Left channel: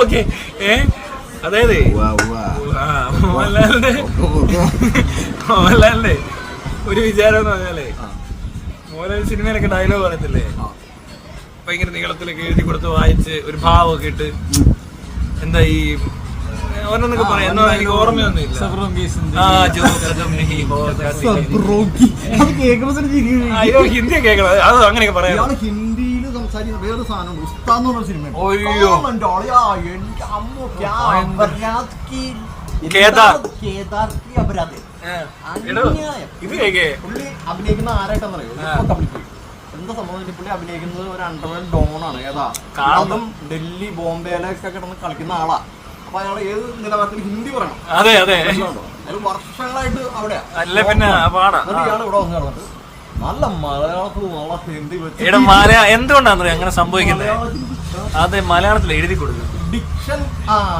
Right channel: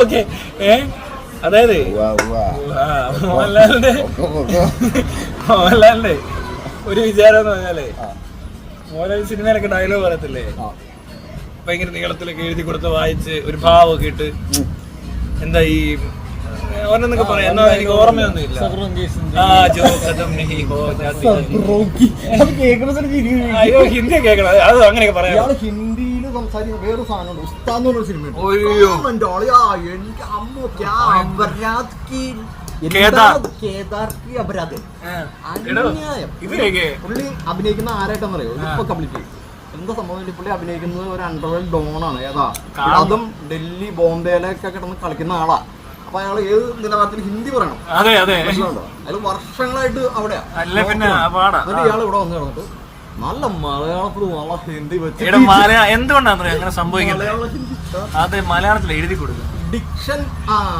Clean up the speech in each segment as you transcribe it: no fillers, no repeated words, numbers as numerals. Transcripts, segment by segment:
Okay. അതായത് മോഹൻലാലിന്റെ ഒരു വിചാരം എന്ന് പറഞ്ഞാലേ, മോഹൻലാൽ സിനിമയിലൊക്കെ ഡയലോഗ് പറയത്തില്ലേ, ഭയങ്കര നീളത്തിലൊക്കെ എഴുതി കൊടുത്ത് വായിച്ച് ഒരു ഭാവമൊക്കെ ഇട്ട്, എന്താ ഈ ഓരോന്നൊക്കെ പറയാം, എന്നാ എനിക്ക് ഓർമ്മയൊന്നും ഇല്ല. അയ്യോ ഹിന്ദി കേൾക്കണം, അത് അങ്ങനെയൊക്കെ പറയാം. ഹിന്ദിയിൽ സംസാരിക്കുന്ന വേറൊരു സാധനമുണ്ട്, ഉസ്താദ് എന്ന് പറഞ്ഞ സിനിമ. പുള്ളി അഭിനയിക്കുന്ന ആരായിട്ടാണെന്നറിയോ? ഇപ്പൊ കംപ്ലീറ്റ് എന്താ സംഭവം, പുള്ളി അഭിനയിക്കുന്നത് ഒരു അണ്ടർവേൾഡ് ഡോണാണ്. ഏതാ അതും ഡൽഹി ബോംബെയിലൊക്കെ കിടന്ന് കളിക്കുന്ന ആളാ. അപ്പൊ അയാൾ ഏത് നിലവാരത്തിൽ ഹിന്ദി പറയണം. അതെ അതെ, അതിൽ വർഷങ്ങളായിട്ട് അവിടെയാ. ഇയാൾ ഇവിടെ വന്ന് കിടന്നിട്ട് നല്ല മലയാളത്തിൽ നല്ല ഹിന്ദി വെച്ച് എന്തുകൊണ്ടാണ് അങ്ങനെ സംഭവിക്കുന്നത്? അതെ, മലയാളത്തിൽ എഴുതി കൊടുക്കും ഡിക്ഷൻ.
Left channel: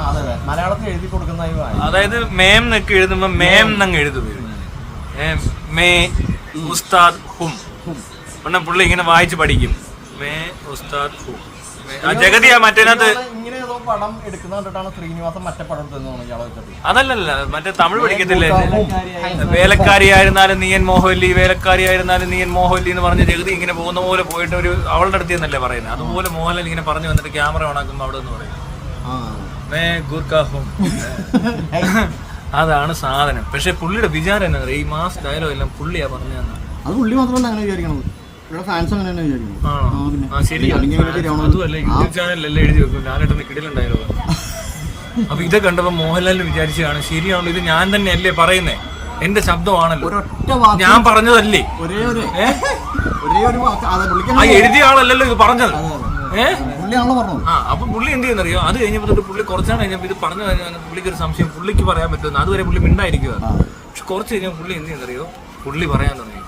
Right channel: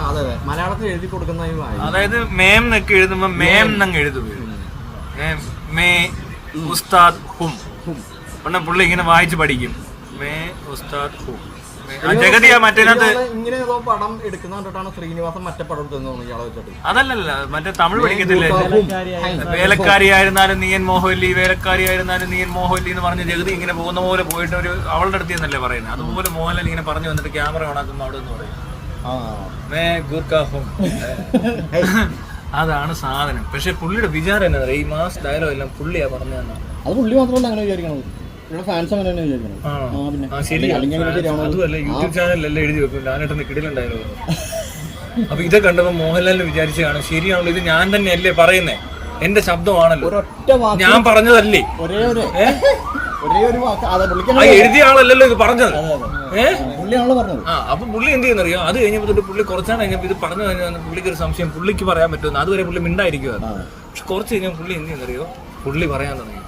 അതെ അതെ, മലയാളത്തിൽ എഴുതി കൊടുക്കുന്ന. അതായത് മേം എന്നൊക്കെ എഴുതുമ്പോ മേം എന്നങ്ങ് എഴുതും. മേ ഉസ്താദ് ഹും പിന്നെ പുള്ളി ഇങ്ങനെ വായിച്ച് പഠിക്കും. മേ ഉസ്താദ് ഹും. ജഗതിയാ മറ്റേനകത്ത് ഇങ്ങനെ ഏതോ പടം എടുക്കുന്ന കണ്ടിട്ടാണ് ശ്രീനിവാസൻ മറ്റേ പടം എടുത്തെന്ന് തോന്നുന്നു ഇയാളെ വെച്ചിട്ട്. അതല്ലല്ല, മറ്റേ തമിഴ് പഠിക്കത്തില്ലേ, വേലക്കാരിയായിരുന്നാലും നീയൻ മോഹൻലി, വേലക്കാരിയായിരുന്നാലും നീയൻ മോഹൻലി എന്ന് പറഞ്ഞ ജഗതി ഇങ്ങനെ പോകുന്ന പോലെ പോയിട്ട് ഒരു അവളുടെ അടുത്ത് നിന്നല്ലേ പറയുന്നത്. അതുപോലെ മോഹൻലാൽ ഇങ്ങനെ പറഞ്ഞു വന്നിട്ട് ക്യാമറ ഓണാക്കുമ്പോ അവിടെ നിന്ന് പറയും മേ ഗുർഖാഫും. അതാണ് സാധനം. പക്ഷെ പുള്ളിയുടെ വിചാരം എന്താ പറയുക, ഈ മാസ് ഡയലോഗ് എല്ലാം പുള്ളിയാ പറഞ്ഞതെന്നാണ്. അത് പുള്ളി മാത്രമല്ല അങ്ങനെ വിചാരിക്കണത്, ഫാൻസ് അങ്ങനെയാണ് വിചാരിക്കുന്നത്. അതുമല്ല, യൂട്യൂബ് ചാനലിലെല്ലാം എഴുതി വെക്കും ലാലേട്ടന്റെ കിടിലുണ്ടായാലോ. അപ്പൊ ഇത് കണ്ടപ്പോ മോഹൻലാലിന് വിചാരിച്ചതാണ്, ശരിയാണല്ലോ, ഇത് ഞാൻ തന്നെ അല്ലേ പറയുന്നേ, എന്റെ ശബ്ദമാണല്ലോ, ഞാൻ പറഞ്ഞതല്ലേ, എഴുതിയ ആളല്ലല്ലോ ഇത് പറഞ്ഞത്. അപ്പൊ പുള്ളി എന്ത് ചെയ്യുന്നറിയോ, അത് കഴിഞ്ഞപ്പോ തൊട്ട് പുള്ളി കുറച്ചാണ് കഴിഞ്ഞപ്പോ ഇത് പറഞ്ഞു കഴിഞ്ഞാൽ പുള്ളിക്ക് ഒരു സംശയം, പുള്ളിക്ക് പറയാൻ പറ്റുമെന്ന്. അതുവരെ പുള്ളി മിണ്ടായിരിക്കുവാണ്. പക്ഷെ കുറച്ച് കഴിഞ്ഞാൽ പുള്ളി എന്ത് ചെയ്യുന്നറിയോ, പുള്ളി പറയാൻ തുടങ്ങി.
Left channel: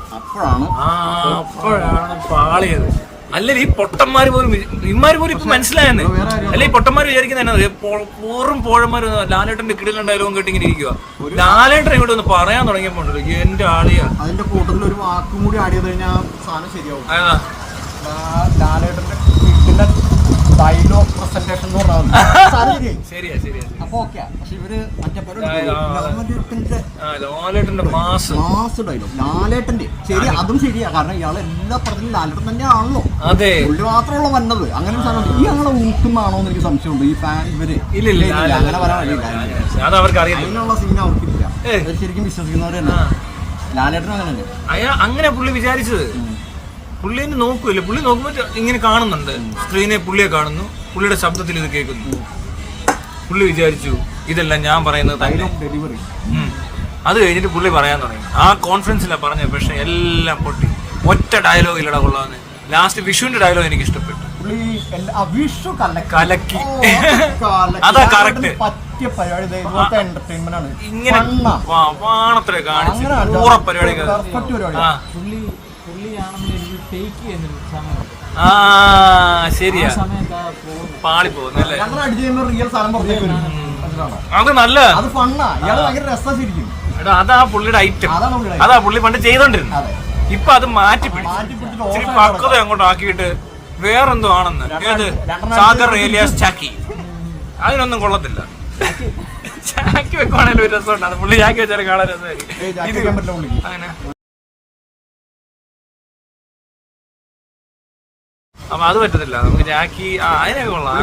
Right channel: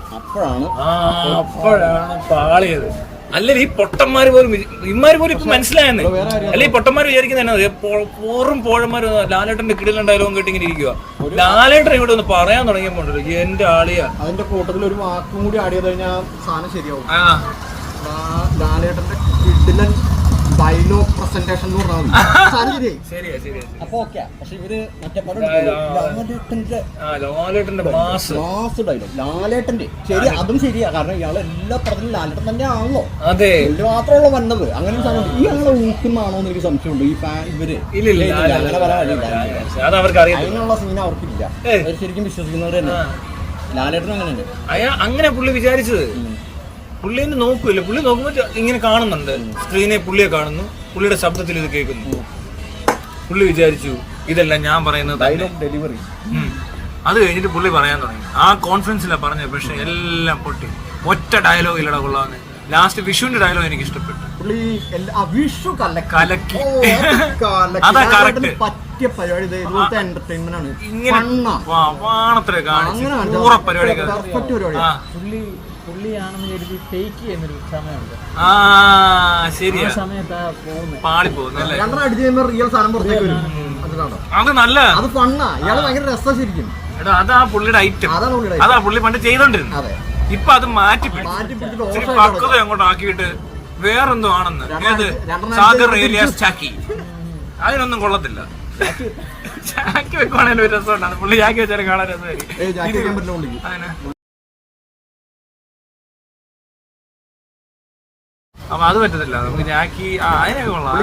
അപ്പോഴാണ് പാളിയത്. അല്ലെങ്കിൽ ഈ പൊട്ടന്മാര് പോലും ഇമാര് പോലും ഇപ്പൊ മനസ്സിലായെന്നേ. അല്ലെ ഈ പൊട്ടന്മാര് വിചാരിക്കുന്ന പൂറും പോഴന്മാര് ലാലേട്ടന്റെ കിടിലുണ്ടായാലും കേട്ടിങ്ങനെ ഇരിക്കുക. ലാലേട്ടൻ ഇങ്ങോട്ട് ഒന്ന് പറയാൻ തുടങ്ങിയപ്പോ എന്റെ ആളിയാ. അതിന്റെ കൂട്ടത്തിൽ ഒരു വാക്കും കൂടി ആഡ് ചെയ്ത് കഴിഞ്ഞാൽ സാധനം ശരിയാവും. ലാലേട്ടന്റെ കിടിലൻ ഡയലോഗ് പ്രസന്റേഷൻ എന്ന് പറഞ്ഞാൽ അപ്പൊ ഓക്കെ. പക്ഷെ ഇവര് ലാലേട്ടന്റെ മാസ് ഡയലോഗ്, ലാലേട്ടന്റെ ശരി, അതും ശരിയാ. കാരണം ഇയാൾ എല്ലാ പടത്തിലും ലാലേട്ടൻ തന്നെ ആണല്ലോ, അതെ, പുള്ളി മാത്രമുള്ള വന്നത്. അങ്ങനെ ഈ അങ്ങനെ ഊക്കുന്നാണോ എന്ന് എനിക്ക് സംശയമുണ്ട്. ഈ ഫാൻ ഇവര് അതിനുള്ള സീൻ അവർക്കില്ല. ശരിക്കും വിശ്വസിക്കുന്നവരല്ല. ലാലേട്ടൻ അങ്ങനെയാണ്. അങ്ങനെ പുള്ളി വിചാരിച്ചത്. പുള്ളി നോക്കൂല്ലേ, പുള്ളി നോക്കുമ്പോ ഇങ്ങനെ കാണുന്നുണ്ട് സ്ക്രീനെ, പുള്ളിയെ കാണുന്നു, പുള്ളിയുടെ ശബ്ദത്തിൽ ഇത് കേൾക്കുന്നു. പുള്ളി വിചാരിച്ചു ഇതെല്ലാം ഞാൻ പറയുന്നത് ഡയലോഗ് ഡെലിവറി. അത് കഴിഞ്ഞിട്ട് പുള്ളി പറയാൻ തുടങ്ങി. ആ കോൺഫറൻസിലാണ് പറഞ്ഞത്. പക്ഷെ എല്ലാം പൊട്ടി, ഒറ്റ ഡയലോഗ് ഇല്ലടാ കൊള്ളാന്ന്. ലാസ്റ്റ് വിഷുവിന്റെ ഡയലോഗ് എനിക്ക് ഇഷ്ടപ്പെട്ടു. പുള്ളി വിഷു കലക്കി. അതാ കറക്റ്റ്. പറ്റിയ പരിപാടി ഇതുപോലത്തെ എന്റർടൈൻമെന്റ് ആണ്. ഇങ്ങനെ വാണത്തിലെ കാണിച്ചു പൂറ പരിപാടി. പുള്ളിയാണെന്ന് കരുതി ടേക്ക് ചെയ്യുന്നൊരു സമയമുണ്ട്. ശരിയാ, പാളി പോകുന്നു. റിയൽ സാധനം അത് നല്ല, അത് ഫണ്ണാ. ഇയാൾ ഭയങ്കര രസം ശരിക്കും. അതാ പുള്ളിയുടെ ഐറ്റം, അതാ പുള്ളി പണ്ട് ചെയ്തോണ്ടിരുന്നത്. ഇപ്പൊ അത് മാറ്റി പക്വത അങ്ങോട്ട് ആക്കിയിട്ട് വേറെന്തോ ആണെന്ന്. സാഗർ ഏലിയാസ് ചാക്കി, അതിനൊന്നും കൊള്ളത്തില്ല. ചാക്കി വെക്കുവാണെങ്കിൽ ഒരു രസമുണ്ടാണ്. പുള്ളി ചാക്കി വെച്ചാലും കാണാൻ രസമായിരിക്കും. അപ്പൊ അത് പറ്റത്തില്ല നമുക്ക്. ജാക്കി അതിനൊക്കെ കൊള്ളാം.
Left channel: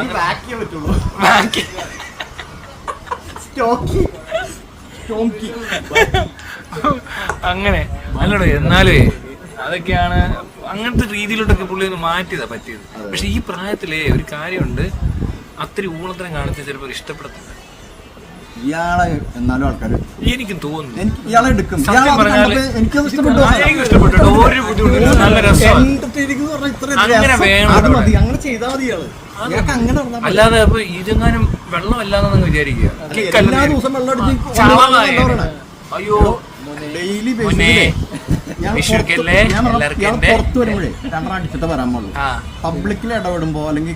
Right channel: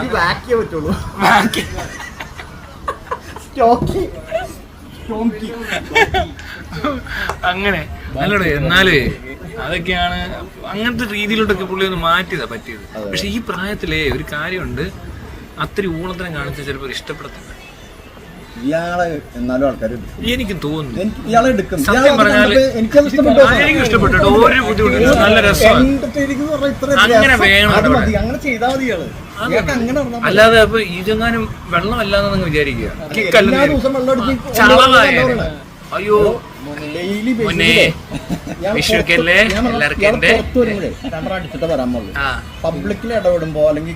അങ്ങനെ അല്ലടോ. എന്നാലേ അതൊക്കെയാണ് അങ്ങനത്തെ രീതിയിലോട്ടൊക്കെ പുള്ളി ഒന്ന് മാറ്റിയതാ പറ്റിയത്. പക്ഷെ ഈ പ്രായത്തിലേ ഒരു കാര്യമുണ്ട്, അത്ര ഊളത്തിനെ കാണിച്ച ചിലപ്പോൾ ഇഷ്ടപ്പെടത്തില്ല ഇയാളെ. എന്നാലും ആൾക്കാർ എനിക്ക് തോന്നുന്നു ഇയാളെ എടുക്കും. എനിക്ക് ഇഷ്ടപ്പെട്ടു. ഒരു ബുദ്ധിമുട്ടില്ല, നല്ല രസമാണ്. അങ്ങനെ വേണം, അങ്ങനെ ചെയ്താൽ മതി ഇയാള്. അല്ലാതെ അപ്പൊ ഇതെങ്ങാനും വെള്ളമല്ലാന്ന് വിചാരിക്കുക. എല്ലാ ദിവസം വെള്ളം അടിച്ച് അയ്യോ അടിച്ചിട്ട് വരാൻ പാടില്ല. പബ്ലിക്കിൽ ഇടപെടുമ്പോ അല്ലെങ്കിൽ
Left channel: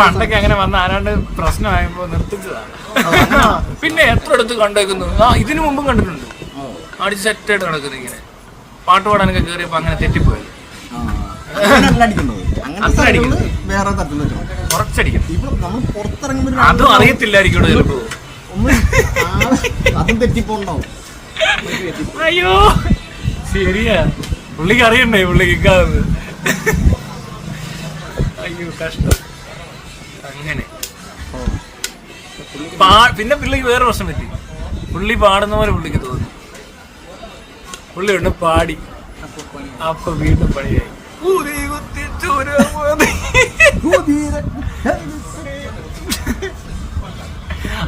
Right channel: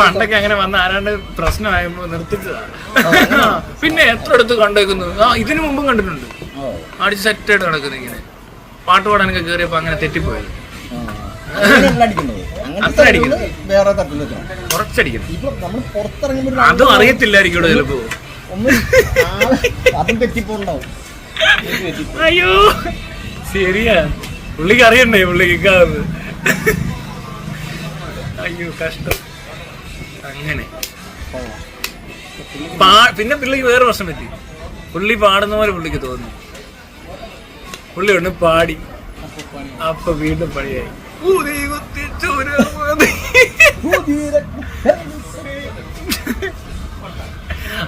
പണ്ടൊക്കെ അങ്ങനെ വന്ന ആരാണ്ട് പ്രശ്നമായപ്പോ നിർത്തിച്ചതാണ്. പിന്നെ എത്ര അടുത്ത് കണ്ടേക്കുന്നു. ഇതിനു മുമ്പും കണ്ടിട്ടുണ്ട്. അടിച്ച് സെറ്റായിട്ട് നടക്കുന്നു. ഇങ്ങനെ പാട്ട് പാടാനൊക്കെ കയറിയപ്പോ അങ്ങനെ തെറ്റിപ്പോയി. അങ്ങനെയല്ല അടിക്കുന്നത്. അത്ര അടിക്കുന്നത് വേറെ തട്ടിൽ കുറച്ചടിക്കും. ഇപ്പൊ നമ്മൾ പുറത്തിറങ്ങുമ്പോൾ അതും അറിയത്തില്ലായിരിക്കും ചിലപ്പോ. അതും തെറ്റിപ്പോണ്ടാവും. അയ്യോ ശരിയാ, പുള്ളിക്ക് അറിയണ്ടേ പുള്ളിക്ക്. അയ്യോ കഷ്ടം. അങ്ങനെ പിന്നെ പുള്ളിക്ക് വേറെ പ്രശ്നം പറ്റി. പുള്ളി പാടുന്ന പോലെ പുള്ളിക്ക് തോന്നി. പുള്ളി ഒന്ന് പാടി, അപ്പൊ വീണ്ടും പണിയായി.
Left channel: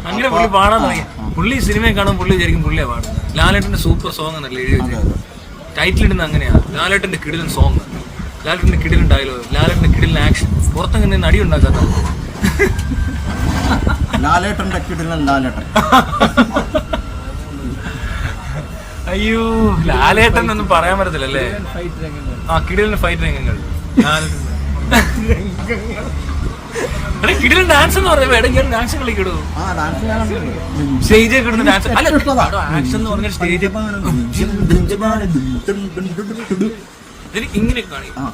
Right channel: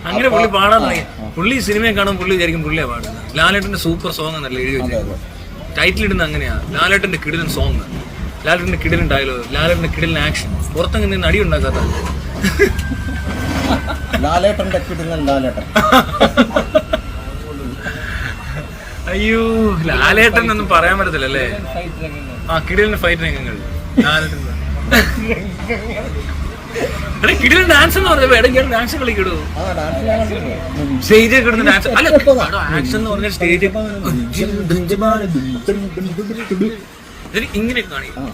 അങ്ങനെ പുള്ളി പാടാൻ തുടങ്ങി. പുള്ളി സിനിമയെ കാണുമ്പോൾ പുള്ളി വിചാരിക്കും പുള്ളിയാ പാടുന്നത്. ലാലേട്ടന്റെ സൂപ്പർ സോങ് എന്നല്ല എഴുതി വെച്ചത്. ടൈറ്റിൽ ഇടുന്നത് അങ്ങനെയാ, ലാലേട്ടന്റെ കിടിലൻ സോങ്, ലാലേട്ടന്റെ കിടിലൻ ഡയലോഗ്, ലാലേട്ടന്റെ കിടിലൻ ആക്ഷൻ. പുറത്തെങ്ങനെ നടി ഉണ്ടാക്കാത്ത ലാലേട്ടന്റെ കിടിലൻ ലാലേട്ടൻ. അയ്യോ ലാലേട്ടൻ ഒന്നും പറയാൻ പറ്റത്തില്ലല്ലേ. ആ കിടിലൻ ഫൈറ്റ് രംഗങ്ങൾ ലാലേട്ടൻ. കിടിലൻ ഡാൻസ് എന്ന് പറയുമ്പോ ഇടയ്ക്ക് ഞാൻ ഡാൻസ് കളിക്കിടൂ. സ്റ്റേജിൽ കിടന്ന് ഡാൻസ് ആക്ഷൻ എന്ന് പറഞ്ഞ സ്റ്റേജ് ഇങ്ങനെ കാണിക്കും.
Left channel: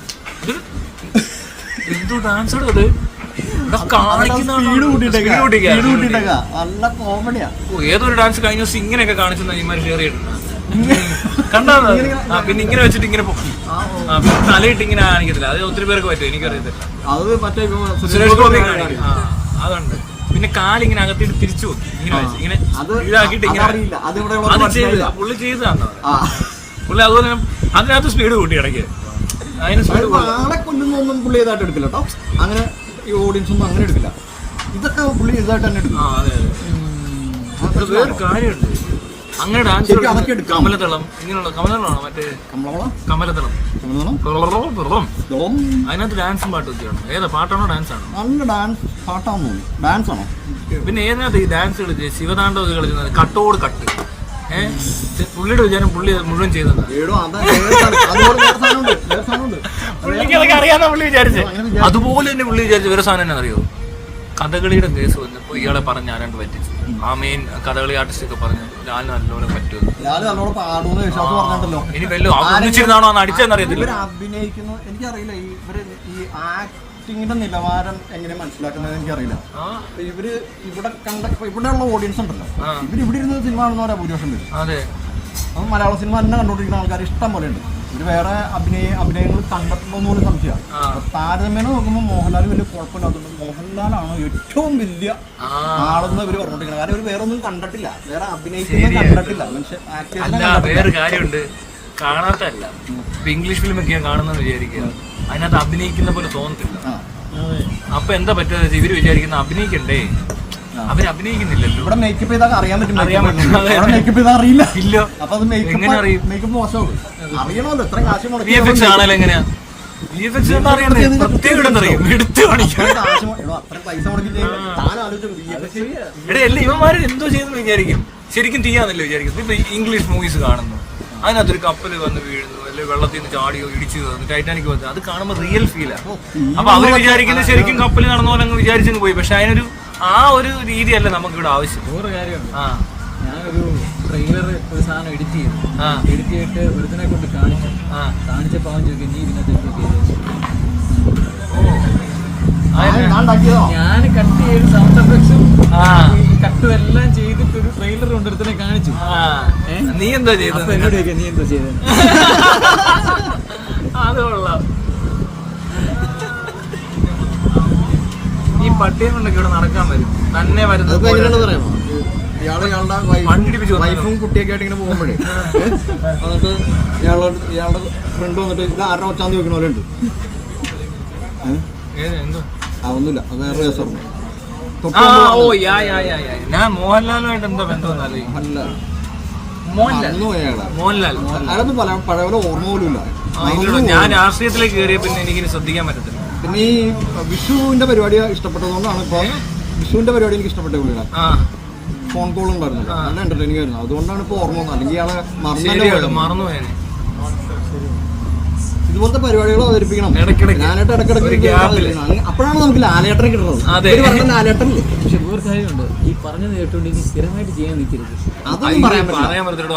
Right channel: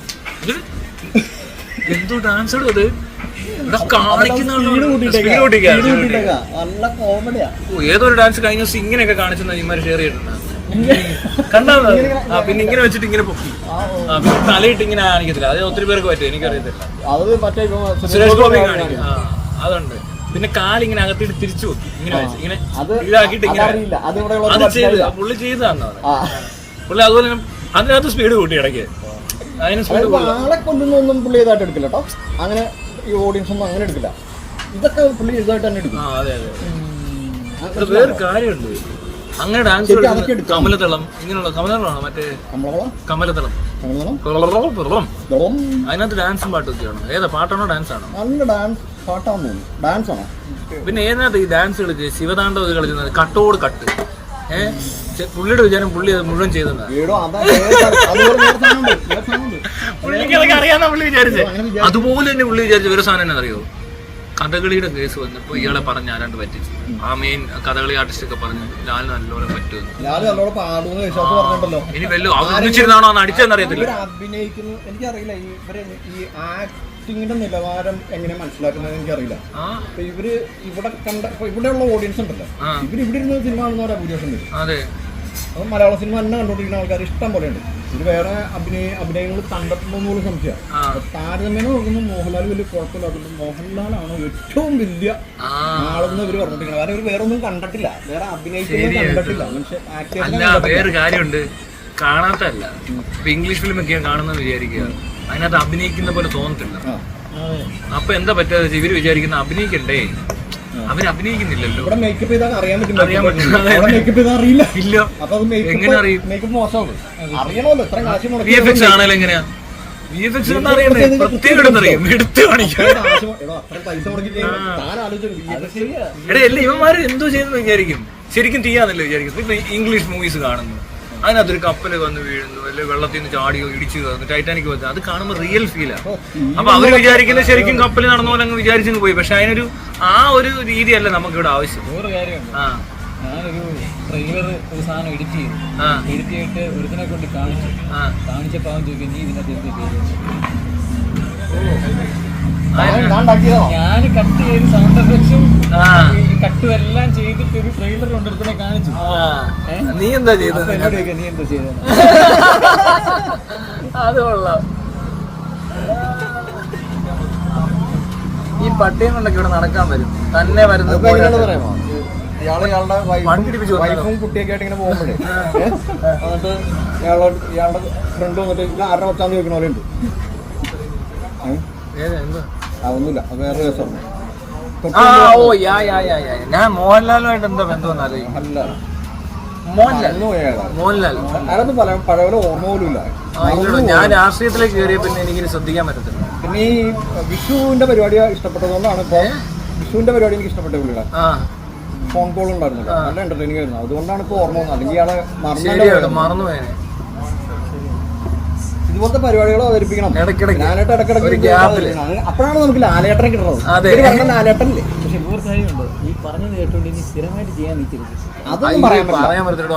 എന്തോ ഡാൻസ് എടുത്തത് ഏതൊരു ഡാൻസ് കഴിഞ്ഞ ദിവസം ഇങ്ങനെയൊക്കെ കാണിച്ചെന്നാ ഇമാര് ഷെയർ ചെയ്തിട്ടുണ്ട്. കണ്ടാ പിന്നെ ഇങ്ങനെ വെച്ചിട്ട് ഇങ്ങനെ തലയിട്ട് ഇങ്ങനെ കാണിക്കത്തില്ല. അത് ഒത്തിരി പേർക്ക് പറ്റും, എനിക്കറിയത്തില്ല. സുരേഷ് ഗോപി കാണിക്കും, അതുണ്ട്. പിന്നെ കാലിങ്ങനെ അകത്തിട്ട് തിരിച്ചു പോകും, ഇങ്ങനെ വെച്ച് ഇങ്ങനെ ഇതാക്കിയിട്ട് ഇങ്ങനെ. അത് ചെയ്ത് പുള്ളി ചെയ്തതാണോ പുള്ളി? അതുപോലെ അതിനകത്ത് സ്പീഡ് കൂട്ടി ഇടയ്ക്ക്. അതിന് ആളെ കൊല്ലുന്നൊന്നും പുള്ളി ഇതായിട്ട് എടുക്കില്ല കേട്ടോ. അങ്ങനെ ഈ ഓഡിയൻസ് ഒന്നും അങ്ങനെ എടുക്കില്ല. ഇതൊക്കെ പുള്ളി ഇതായിട്ട് തന്നെ എടുക്കും. അതെ അതെ. വേറൊരു കാര്യമുണ്ട്, അങ്ങനെ ഡാൻസ് കമലതളം ഇങ്ങനെയുള്ള കമലതളമാണോ മറ്റേ കമലതളം? അതിനകത്ത് ഡാൻസും പാട്ടും ഒക്കെയാണോ? ഏതാ പാട്ടാണോ ഡാൻസ് ആണോ? നല്ല ഡാൻസ് പാട്ടാണോ? ഡാൻസ് ആണോ? പിന്നെ ഏതിനകത്ത് ഈ ഡാൻസ് കളിച്ച് ശിവതാണ്ഡവ കളിക്കുന്നത് കട്ടോട് കട്ട്. പുള്ളിയുടെ വിചാരം പുള്ളി അത് മുഴുവൻ ചെയ്തത്. പുള്ളിക്ക് അറിയാന്നാ പുള്ളി വിചാരിച്ചത്. അതുപോലെ തന്നെ പുള്ളി വിചാരിച്ച വേറെ സാധനം തന്നെ അറിയോ? കഥകളിയുടെ കേസ് വന്നപ്പോ ഇയാളെ പറഞ്ഞ് ആരാണ്ട് പറ്റിച്ചു. ആ മെയിൻ കഥകളി ആർട്ടിസ്റ്റ് ഒക്കെ പറഞ്ഞു ഞാൻ നല്ലോണം പറ്റുമെന്ന്. ഇനി വല്ലോ ഒന്നിച്ചിരുന്നാണോ അടിച്ചെന്നറിയത്തില്ല. അഭിനയിക്കുന്നു എനിക്കറിയില്ല. ഇവര് ഈ ആക്ടിങ്ങിന്റെ നിലവാരം എങ്ങനെ മനസ്സിലാക്കുന്നത് എനിക്കറിയില്ല. ഇവര് ഇവിടെ ഇവിടെയുള്ള ഓഡിയൻസ് ഉണ്ടല്ലോ, ഇവര് ഇവിടെ ഇരുന്ന് സിനിമ കാണുന്നവരാ ഭൂരിപക്ഷം വരും. അതെ, അപ്പം മലയാള സിനിമ തന്നെ കണ്ടുകൊണ്ടിരിക്കുന്ന ആൾക്കാർ ഇഷ്ടം പോലെ ഉണ്ട്. ഇത് വേറെ അഭിനയങ്ങൾ കണ്ടിട്ടുണ്ടെന്ന് പോലും സംശയം. താരതമ്യേന നോക്കുമ്പോൾ മോഹൻലാൽ വലിയ കുഴപ്പമില്ലാത്ത മോഹൻലാലാണ് ഏറ്റവും വലിയ ആളെന്ന് ഇവര് പറഞ്ഞിരിക്കുന്നത്. കാരണം ഇവർ വേറെ ഒന്നും കണ്ടിട്ടില്ല, വേറെ അഭിനയിക്കുന്നത് കണ്ടിട്ടില്ല. വേറൊരു കാര്യമുണ്ട്, കാണാത്തല്ല. ഇപ്പൊ ഇംഗ്ലീഷ് ഫിലിം ഒക്കെ കാണുന്നത് വിചാരിക്കുക, അതിനകത്ത് അഭിനയിക്കുന്ന പോലെ തോന്നത്തില്ല. അപ്പൊ എന്താ പറ്റുക? ഇവര് വിചാരിക്കുന്ന അഭിനയിക്കണ്ടേ, അവര് അഭിനയിക്കുന്നില്ലല്ലോ. ഇവിടെ മേക്കപ്പ് ചെയ്താൽ അറിയാൻ പറ്റില്ല. മേക്കപ്പ് ചെയ്താൽ അറിയില്ല. ഇല്ല. അപ്പൊ അത് എങ്ങനെ അറിയും? മേക്കപ്പ് മോശമാകും. അറിയണമല്ലോ ഇത്രയും കാശ്. VFX ആണല്ലോ എങ്ങനെയാ? VFX പ്രത്യേകം എടുത്ത് കാണിക്കും. ഇവന്മാര് എന്തോ ചെയ്യുന്നു വിചാരിക്കും, ശരിക്കും ചെയ്യാന്നല്ലോ വിചാരിക്കും. ഇപ്പൊ ഇംഗ്ലീഷ് മൂവീസ് കാണുന്നു, അതിനകത്തൊരു കപ്പല് വന്ന് വീഴുന്നു, അല്ലെങ്കിൽ വെള്ളത്തിൽ നിന്ന് ചാടിയോ ഇടിച്ചു കയറുന്നു, ടൈറ്റാനിക് വന്നു, അത് കാണുമ്പോൾ റിയൽ ഫീലാണ്. അപ്പൊ അവര് വിചാരിക്കുന്നത് ശരിക്കും കപ്പല് നടന്നു പോലെ അങ്ങ് വിചാരിച്ചു പോയി. പക്ഷെ അതിനൊരു ആ ഒരു രീതിയല്ല നമുക്ക് ഇവിടെ ആവശ്യം. ഞാനൊരു ട്രെയിലർ ഒരു സാധനം എഡിറ്റ് ചെയ്തിട്ട് ഒരുത്തിനെ കൊണ്ട് കാണിച്ചപ്പോൾ അവൻ ചോദിക്കും നീ ഇതിനകത്ത് ഞാൻ കട്ട് ചെയ്ത് സൗണ്ട് എഫക്ട്സും കട്ടും എല്ലാം ചെയ്തിട്ട് ഒരു ട്രെയിലർ കൊണ്ടൊരുത്തിനെ കാണിച്ചു. നീ എന്താ ചെയ്തത്? എന്നോട് ചോദിക്കാം നീ എന്താ ചെയ്തത്? അത് കൊള്ളാം. ഈ പട്ടിയെന്നുള്ളൊക്കെ ഇവിടെ നടക്കാൻ വരും, തന്നെ വരുന്നത് വൈഫും കുട്ടിയൊക്കെ ആയിട്ട് ഇങ്ങനെ പോകുമ്പോഴേ എന്നിട്ട് ഇയാളുടെ ഫ്രണ്ട് വന്നിട്ട് ഇത് ആരുടെ കൊച്ചാന്ന് ചോദിക്കണ പോലെ ഉണ്ട്. ഒന്നുമില്ല, അത് വേറെ രസമാണ്. ഞാൻ മോഹൻലാലുമായിട്ട് എന്താ ബന്ധം അറിയില്ല. മോഹൻലാൽ അതൊന്നും പഴയ പോലെ ഓർമ്മ പോലും ഇല്ല. ഞാൻ രാഷ്ട്രീയത്തിലേക്ക് കയറിയ പിന്നെ എനിക്കിനി ശ്രദ്ധിക്കാൻ പറ്റത്തില്ല. പിന്നെ ഈ വിഷുവിന്റെ പരിപാടി ഇഷ്ടപ്പെട്ടതുകൊണ്ടാണ് ഇപ്പൊ വിഷുവിന്റെ പരിപാടി എനിക്ക് ഇഷ്ടപ്പെട്ട പുള്ളിയുടെ ഫോൺ കോൾ ഉണ്ടായിരുന്നല്ലോ, നല്ല എന്റർടൈനിങ് ആയിരുന്നു. അതുകൊണ്ടാണ് ഇപ്പൊ ഓർമ്മ വന്നത്. അല്ലെങ്കിൽ ഇയാളെ മറന്നുപോയി. ഇതുപോലത്തെ പരിപാടികൾ അവതരിപ്പിക്കണം. ലാലേട്ടൻ ഇടയ്ക്കിടയ്ക്ക് അപ്പോഴാണ് നമുക്ക് ലാലേട്ടനെ കിട്ടുന്നത്. പറഞ്ഞ ലാലേട്ടനല്ലേ. പക്ഷെ വേറെ കാര്യമുണ്ട്, ഈ പറഞ്ഞത് കേട്ടോണ്ട് ഇനി സ്ഥിരമായിട്ട് ചെയ്യാൻ നിൽക്കരുത്. അതൊന്നും പറയാൻ പറ്റില്ല.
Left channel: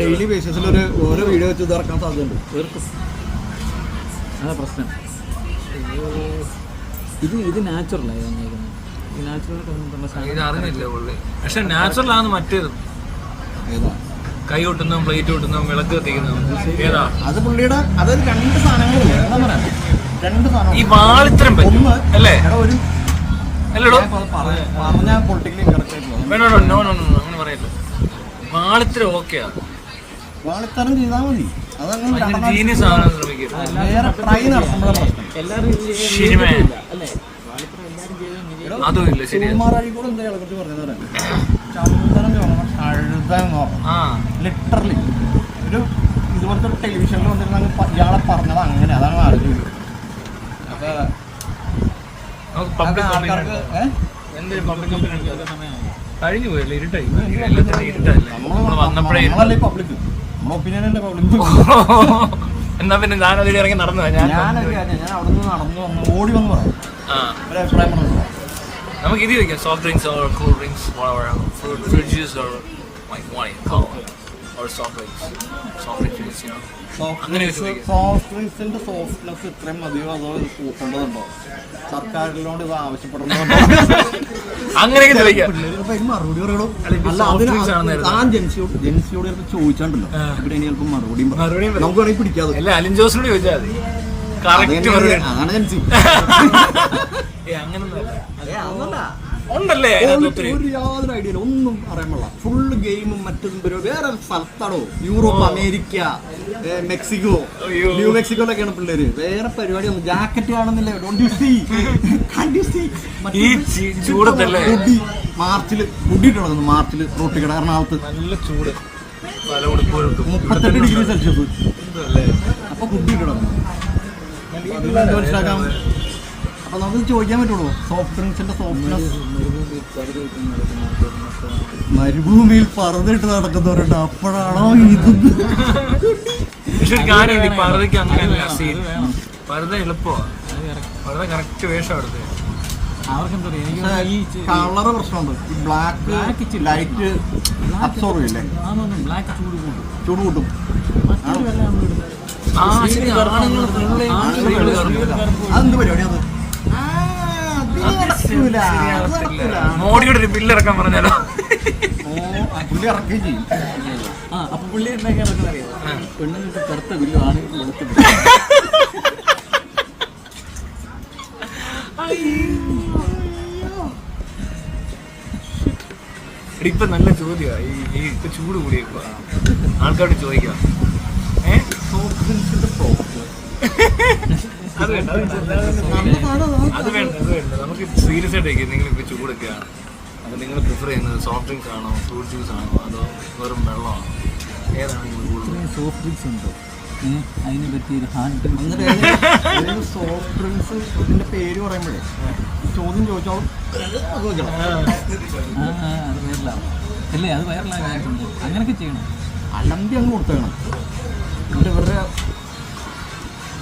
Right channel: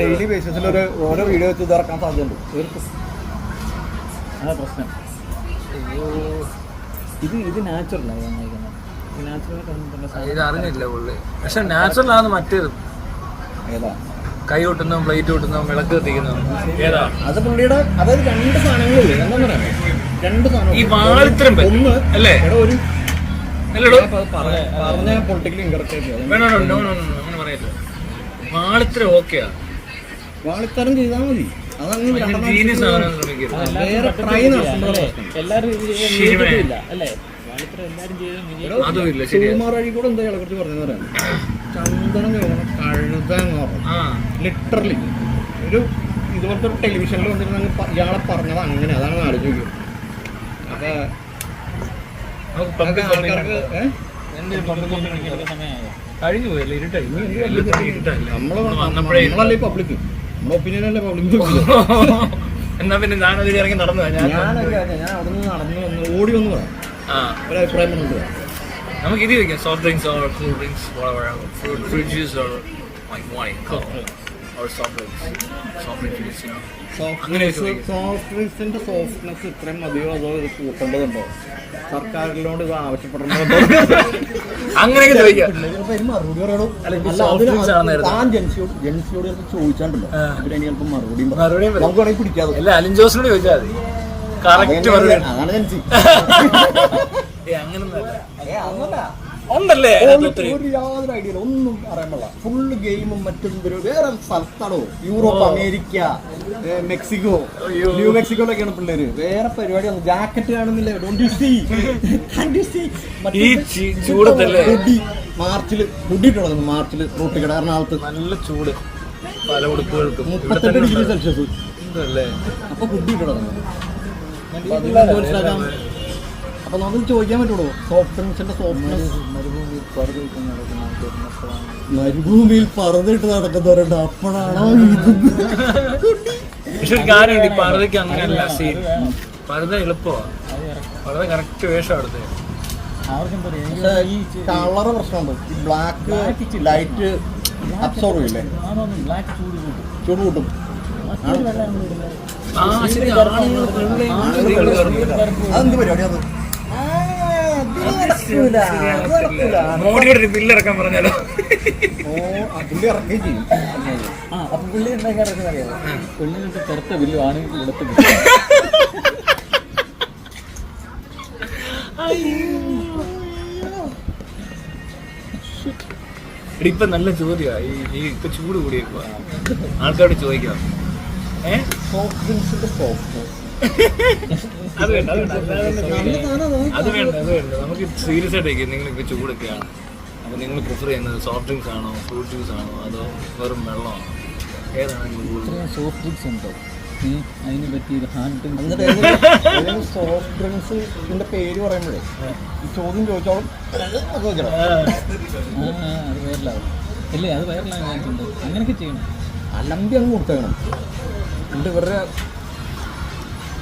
ഡെയിലി ബേസിസിൽ ഓരോ വീഡിയോ വെച്ച് ഇറക്കാൻ സാധ്യതയുണ്ട്. അതാ പ്രശ്നം. ഇത് നാച്ചുറലാണ് തന്നേക്കുന്നത്. ഈ നാച്ചുറൽ കൊണ്ടുവന്ന ഇത് അറിഞ്ഞില്ല പുള്ളി. പക്ഷെ നാച്ചുറൽ ആണ് മറ്റേത്. ഏതാ? കൈ കൊട്ടുന്നതും പ്ലേറ്റ് കൊട്ടുന്നതും വിളക്ക് കത്തിക്കുന്നതും ഏതാ? അത് പുള്ളിയുടെ അതായത് 2 സാധനങ്ങളുള്ളൂ. രണ്ട് സാധനം. ഈ വാളിത്തരം ഒന്ന് അല്ലേ? ഒരു അല്ലടോ പറഞ്ഞ പൊളിറ്റിക്കലി ഇൻകറക്റ്റ് വേണോ നോ നോ നോ അങ്ങനെ പറയട്ടെ. വാളിത്തരം ഓക്കെയാ, വാളിത്തരം ചെയ്താൽ മതി. അതങ്ങനെ ജീനിയസ് ആവാൻ ശ്രമിക്കരുത്. വേറെ ട്രൈ നടത്തുമ്പോഴേ എല്ലാവരും ശരിമേ. അല്ലേ? വാളിത്ര എല്ലാവരും ചെയ്ത് അതും ഇല്ല ശരിയാ. കുമാരി കൂടെ എന്താ കുറിച്ച് പറഞ്ഞു പറയാം. ചന്ദനം കഴുതാൻ ലിറ്ററലി ഒരു ഇതുപോലത്തെ ഒരു ടെലിവിഷനിൽ വന്നിരുന്ന ഇയാളെ പറഞ്ഞത് അങ്ങനെ. അതാണ് ആലോചിക്കുന്നത്. കഴിഞ്ഞു പോയല്ലേ, ഇരുട്ടായി. വന്നപ്പോഴേ നമ്മളല്ലേ പബ്ലിക്, നമ്മുടെ ഒപ്പീനിയനല്ലേ പബ്ലിക്. എന്നാ പിന്നെ ഞാൻ അതിൽ ഇറങ്ങി നടന്നു. ഞാൻ അവിടെ നിന്ന് നടന്നു വന്നു ഓടി വന്ന് പറഞ്ഞു ഒരു അഭിപ്രായം പറഞ്ഞു. നമുക്ക് ഇത് കഴിക്കാം. Soft drinks or cool drinks, fruit juice or like wine or soft drinks. Soft ഡ്രിങ്ക്സിന്റെ സോഫ്റ്റ്നെസ് ഇത്രയും മതിയോ അതോ ഇത് കൂട്ടേണ്ടതുണ്ടോ? സർക്കാരിനോട് ഇത് ആവശ്യപ്പെടുന്നുണ്ടോ? അങ്ങനെയൊക്കെ ചോദിക്കാം. മറുപടി പറയണോ? താൻ ജെൻസിയോട് ചോദിച്ചാണ്ടല്ലോ, പിന്നെ എനിക്ക് മറുപടിയും നമുക്ക് വേണമെങ്കിൽ പിടിക്കാതെ. അല്ല, അലിൻ ജോസിനോട് ചോദിച്ചാൽ മതി. കറക്റ്റ് അതാണ് ജെൻസി. അങ്ങനൊന്നല്ല ഉണ്ടല്ലേ? ഒരു യാതൊരു ഐഡിയ ഒന്നും അറിയാൻ പാടില്ല. ഫുള്ള് ഗെയിമും മറ്റും വേറെ സ്ഥലത്താണോ? യൂറോപ്പ്, അമേരിക്ക, മെക്സിക്കോ, ന്യൂ മെക്സിക്കോയിലൊക്കെയാണ് പിള്ളേര്. വേറെ പരിപാടിയൊന്നും ജാക്കറ്റ് കാണുന്നില്ല. മാർച്ചില് മുടി തുടങ്ങുന്നു. മാർച്ചില് റോട്ടിൽ കട എറണാകുളത്ത് നല്ല ചൂട്, പല ഉടുപ്പുകൾക്കും 38 ഡിഗ്രി സെൽഷ്യസ്. ഇപ്പൊ കുട്ടി കിടന്നു. അപ്പൊ നമുക്ക് ചോദിക്കാൻ പറ്റുള്ളൂ സോഫ്റ്റ് ഡ്രിങ്ക്സിന്റെ സോഫ്റ്റ്നെസ്. മരുഭൂമിയിൽ പറന്നിട്ട് നടക്കുന്നവരുണ്ട്. അപ്പോഴാണോ പറുത എളുപ്പമാണ്. പറുത കറക്റ്റ് വേഷം എടുത്ത്. കളറ് പ്രശ്നമുണ്ട്. ഈ ബ്ലാക്ക് ലൈറ്റ് അബ്സോർവ് ചെയ്യില്ലേ? ചൂട് കൂട്ടും. അതെന്ത് പരിപാടിയാണ്? മോഡിയോട് ഒരു ബില്ല് ഇറക്കാൻ പറഞ്ഞാലോ? പുള്ളി ഇറക്കുകയും ചെയ്യും. അപ്പൊ പുള്ളി എന്താക്കാനൊക്കെ അറിയാം. പെണ്ണുങ്ങൾക്ക് കറുത്ത ബില്ലും ആണെങ്കിൽ വെളുത്ത ബില്ലും. ഇപ്പൊ നല്ല ചോദ്യമാണ്. ഈ ഇപ്പൊ ചൂട് കൂടിയേക്കുക ആൾക്കാരോട് ചോദിക്കാം. അത് വേണ്ട. നമുക്ക് സീരിയസ് ആയിട്ട് നിങ്ങൾ ഇപ്പൊ ചൂടൊക്കെയാണ്. അപ്പൊ നിങ്ങൾ പ്രിഫർ ചെയ്യുന്നത് സോഫ്റ്റ് ഡ്രിങ്ക്സ് ആണോ, ഫ്രൂട്ട് ജ്യൂസ് ആണോ, അതോ വെറും വെള്ളമാണോ? ഏതാണ് നിങ്ങൾ കൂടുതൽ? സോഫ്റ്റ് ഡ്രിങ്ക്സ് ഉണ്ടോ? അതിന് പറ്റിയൊരു ഹാൻഡ് ഡ്രിങ്ക്സ്. സോഫ്റ്റ് ഡ്രിങ്ക്സ് ഇതിന്റെ പേര് പറയുമ്പോഴേ ചോദ്യം ചോദിച്ചാൽ അത് വൈറലാവും. ഇല്ലേ, അത് വൈറലാകാൻ ചാൻസ് ഉണ്ട്. അങ്ങനെയൊക്കെ ചെയ്യണം. അല്ലമ്പി അങ്ങ് കൊടുത്തേക്കണം. എന്നിട്ട് ഇവരുടെ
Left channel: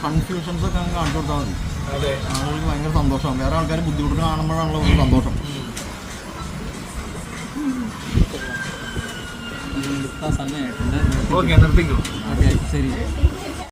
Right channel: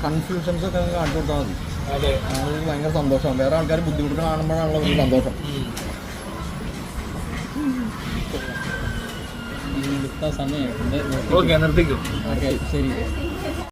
കൺഫ്യൂഷൻസ് ഒക്കെ അങ്ങ് കാണിച്ചു കൊടുത്താൽ മതി. ആളുകൾക്ക് ഭയങ്കര സന്തോഷമാണ്. വേറെ ആൾക്കാർ ബുദ്ധിമുട്ട് കാണുമ്പോഴാണല്ലോ ഒരു സന്തോഷം. സമയം ഓക്കെ, നിർത്തിക്കോ. ഓക്കെ, ശരി.